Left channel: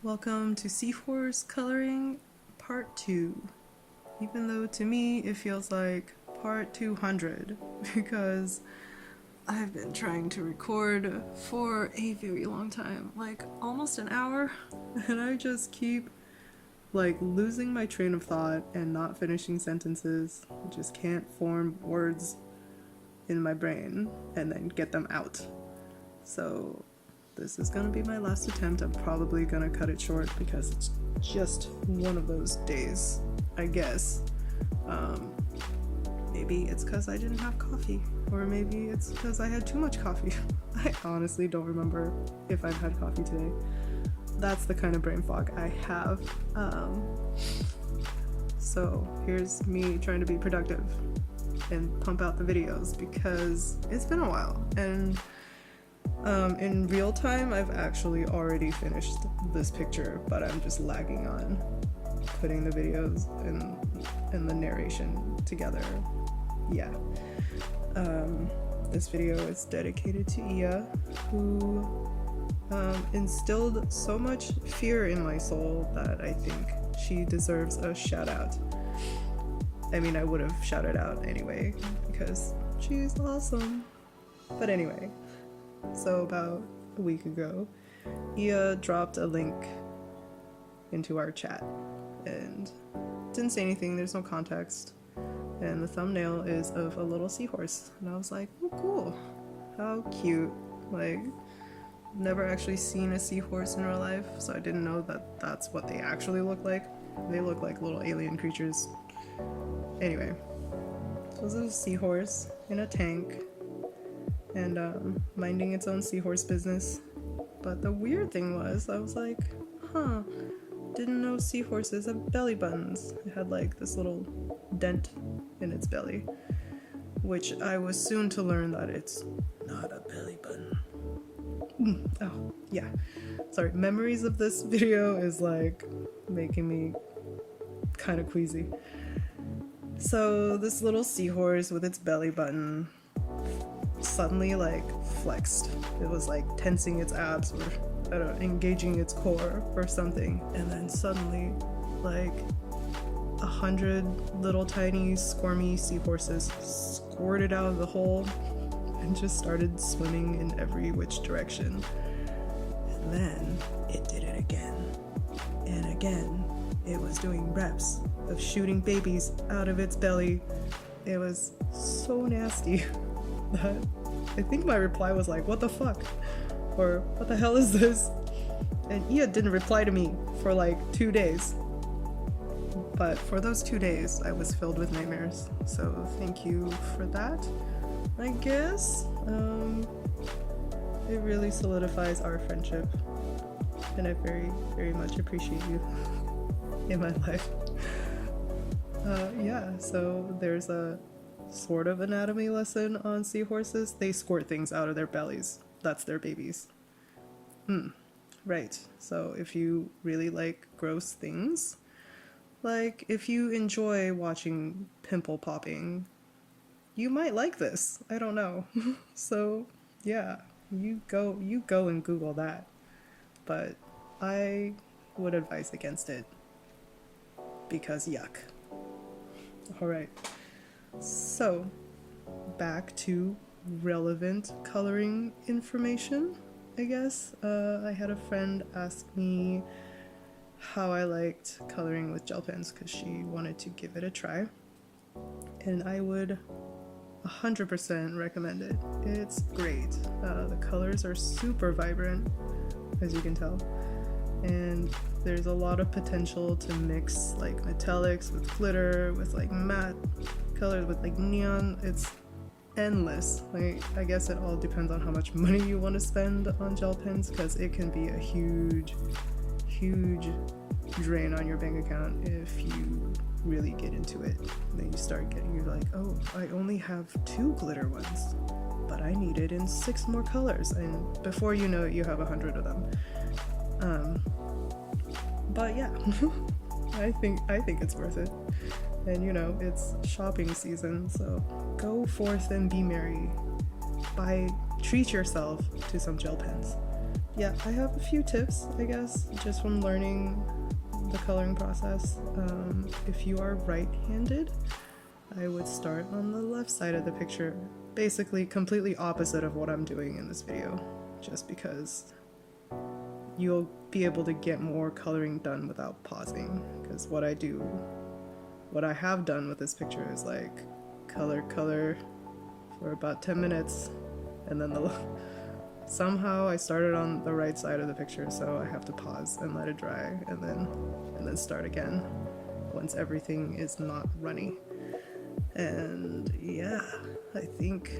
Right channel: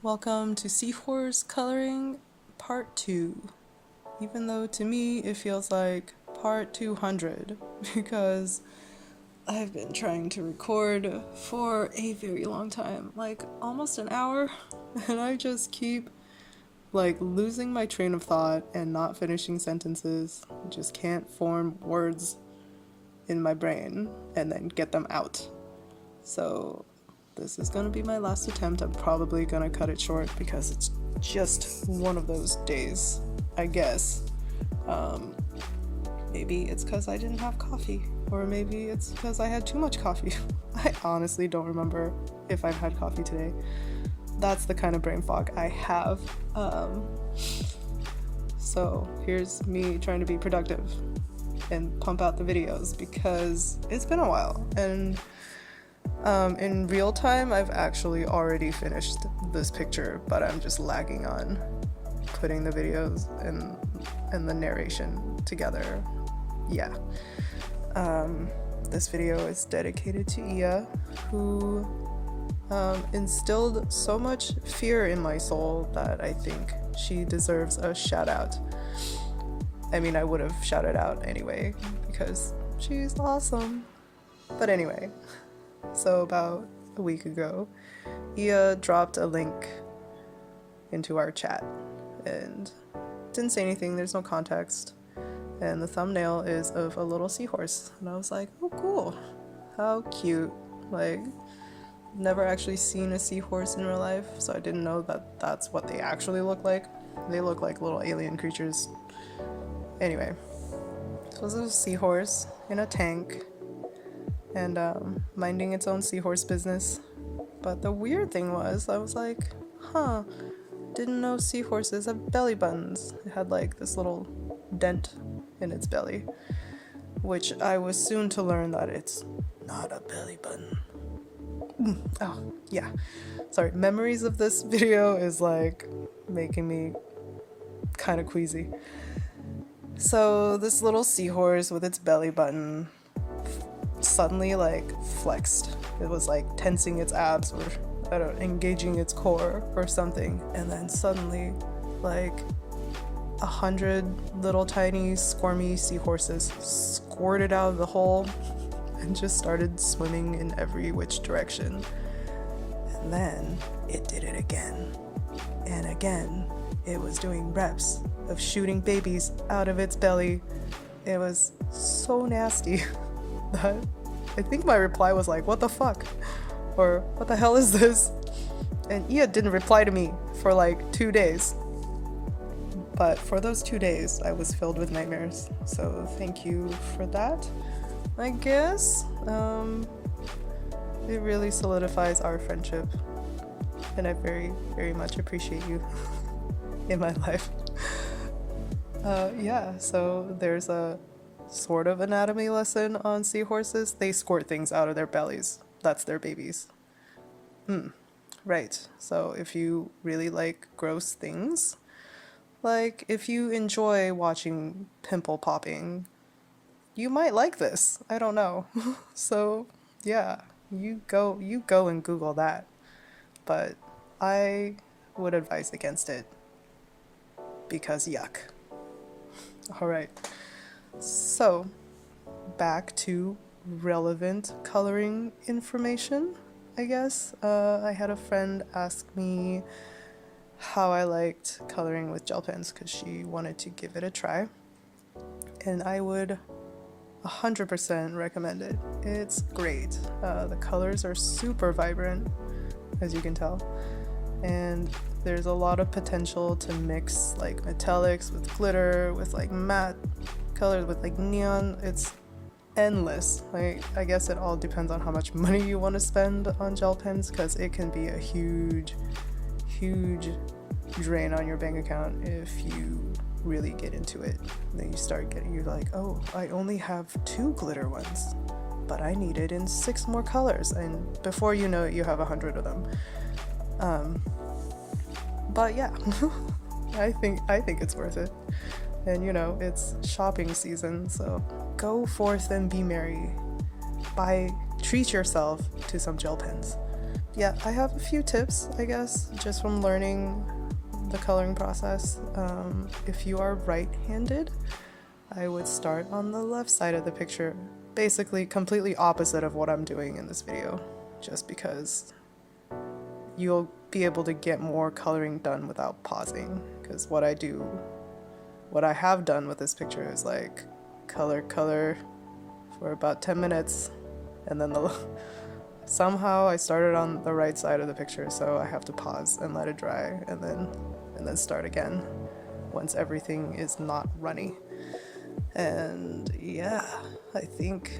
Welcome to Seahorse Coloring Part 2. Even though to me it feels like Part 200 because I've been trying to record for a very long time, like almost an hour, and I just keep losing my train of thought and not finishing sentences. I just can't form words in my brain and then get them out. So this is gonna be my last attempt. I'm probably gonna cut it short because it's just one of those days, I guess. Maybe it's because I didn't have coffee, or maybe it's because I had too much coffee. I honestly don't remember if I've had coffee today. That's the kind of brain fog I have. So here's me trying to be productive and pump out the videos because it's been a while, and in real time I've actually already finished this picture, but I'm just lagging on putting the videos and the narration together. Yeah. This video is dedicated to Ia, who instilled so much fear in my soul that I think she deserves a shout out. I mean, I would have shouted out anyway because she's awesome. But anyway, so about a week ago, Ia dropped a link into our chat and didn't say anything, there's no context, and the thumbnail is of a little seahorse, and I was like, oh cool, how cute. Like, never actually seen a seahorse in real life, so I didn't know that that's what they actually look like. They look like little alien creatures. Anyway, so this is a seahorse in a tank and minding its own seahorse business. But the weird thing was, I was like, didn't know seahorses have belly buttons. It had like this little dent in its belly, which I was soon to learn that it's not a belly button. Oh yeah, sorry, memories of this video is like making me kind of queasy. So this little seahorse with its belly button suddenly like flexed. It was like tensing its abs, or I don't know, engaging its core or something, and then suddenly like 100 little tiny squirmy seahorses squirted out of the hole and just started swimming in every which direction. And then it did it again and again. It was doing reps of shooting babies out of its belly. It was so nasty that I think my reply was like, what the fuck? Or what the hell is this? And Ia didn't reply to me for like 2 days. But for those 2 days, I was filled with nightmares. So thank you for that, I guess. It really solidifies our friendship. And I very, very much appreciate you in my life. Yeah, so there's a sort of anatomy lesson on seahorses. They squirt things out of their bellies. That's their babies. Right. So if you really like gross things, like if you enjoy watching pimple popping, you might like this. I don't know. So yeah, you go and Google that. But I would advise against it because yuck. All right. So back to relevant coloring information, I guess. I had a friend ask me how I liked coloring with gel pens because she wanted to give it a try, and I would 100% recommend it. It's great. The colors are super vibrant, as you can tell, and there's a lot of potential to mix like metallics with glitter, with like matte colors, with like neon. It's endless. Like, I guess it all depends on how much money you want to spend on gel pens, because it can be a huge drain on your bank account if you really get into it. And then you're like, oh, I only have 2 glitter ones, but I need it in 6 more colors, and before you know it, you have 100 of them. But yeah, I think it's worth it. And you know, it's shopping season, so go forth and be merry. Treat yourself to some gel pens. yeah, I have a few tips, I guess, just from learning the coloring process. If you are right-handed, I would start on the left side of the picture, basically completely opposite of what I'm doing in this video, just because you'll be able to get more coloring done without pausing, because what I have done with this picture is like color for about 10 minutes, and then somehow I started on the right side of the picture, so I have to pause and let it dry, and then start again once everything is not runny. And yeah, I think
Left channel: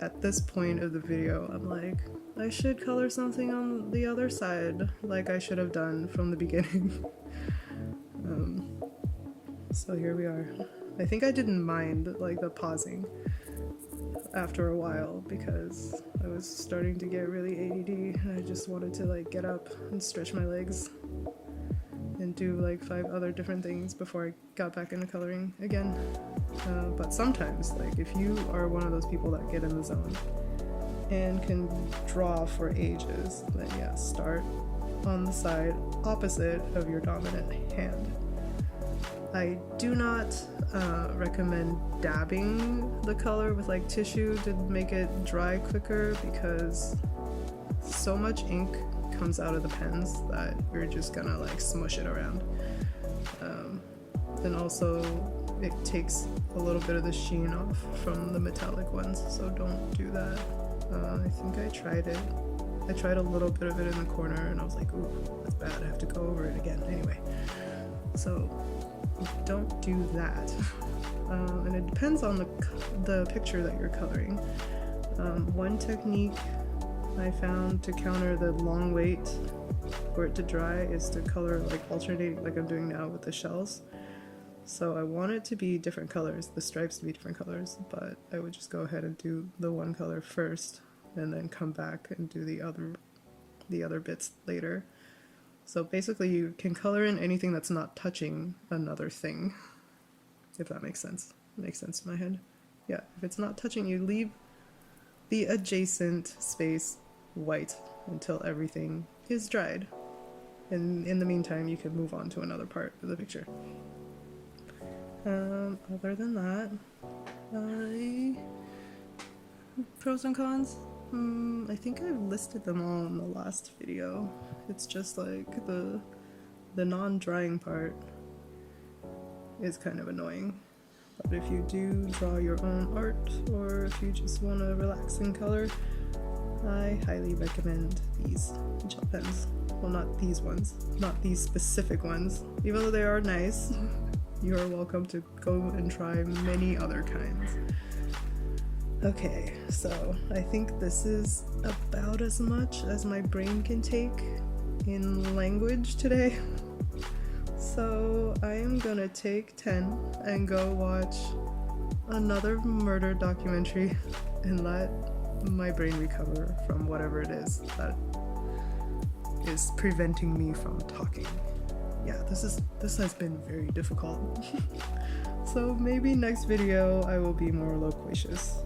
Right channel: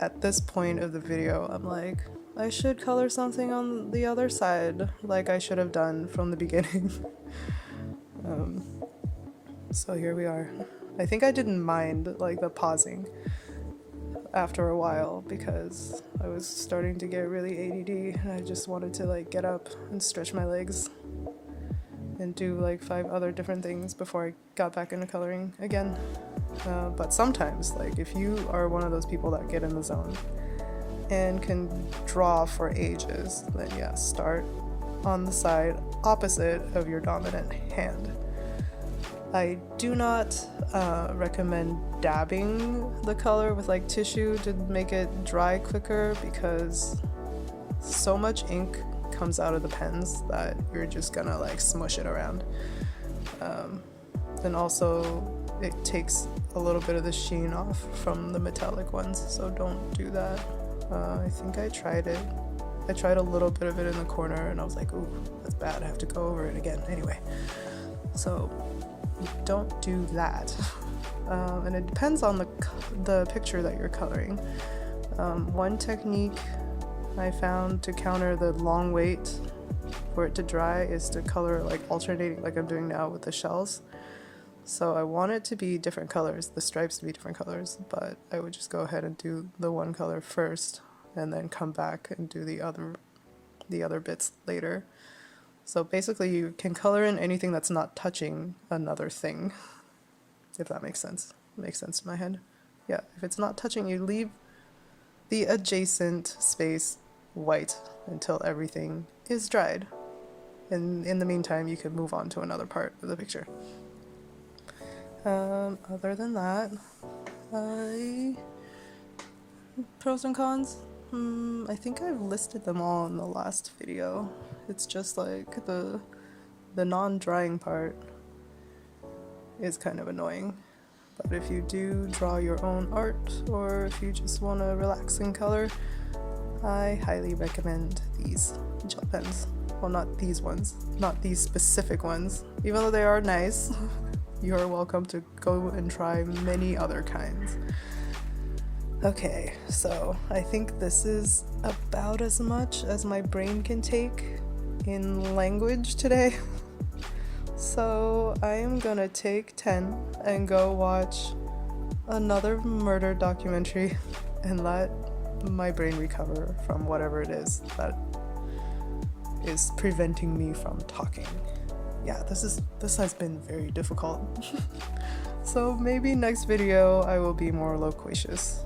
at this point of the video, I'm like, I should color something on the other side, like I should have done from the beginning. So here we are. I think I didn't mind like the pausing after a while, because I was starting to get really ADD and I just wanted to like get up and stretch my legs and do like 5 other different things before I got back into coloring again. But sometimes, like if you are one of those people that get in the zone and can draw for ages, then yeah, start on the side opposite of your dominant hand. I do not recommend dabbing the color with like tissue to make it dry quicker, because so much ink comes out of the pens that you're just gonna like smush it around. And also it takes a little bit of the sheen off from the metallic ones, so don't do that. I think I tried it. I tried a little bit of it in the corner and I was like, ooh, that's bad, I have to go over it again. Anyway, so don't do that. And it depends on the picture that you're coloring. One technique I found to counter the long wait for it to dry is to color like alternating, like I'm doing now with the shells. So I want it to be different colors, the stripes to be different colors, but I would just go ahead and do the one color first and then come back and do the other bits later. So basically you can color in anything that's not touching another thing, if that makes sense. It makes sense in my head. Yeah, if it's not touching, you leave the adjacent space white until everything is dried. And in the meantime, you can move on to another part of the picture. Other than that, pros and cons? I think I've listed them all in the last video. It's just like the non-drying part is kind of annoying. But if you do draw your own art, or if you just want to relax in color, I highly recommend these gel pens. Well, not these ones, not these specific ones. Even though they are nice, you are welcome to go and try many other kinds. Okay, so I think this is about as much as my brain can take in language today. So I am gonna take 10 and go watch another murder documentary and let my brain recover from whatever it is that is preventing me from talking. Yeah, this has been very difficult. So maybe next video I will be more loquacious.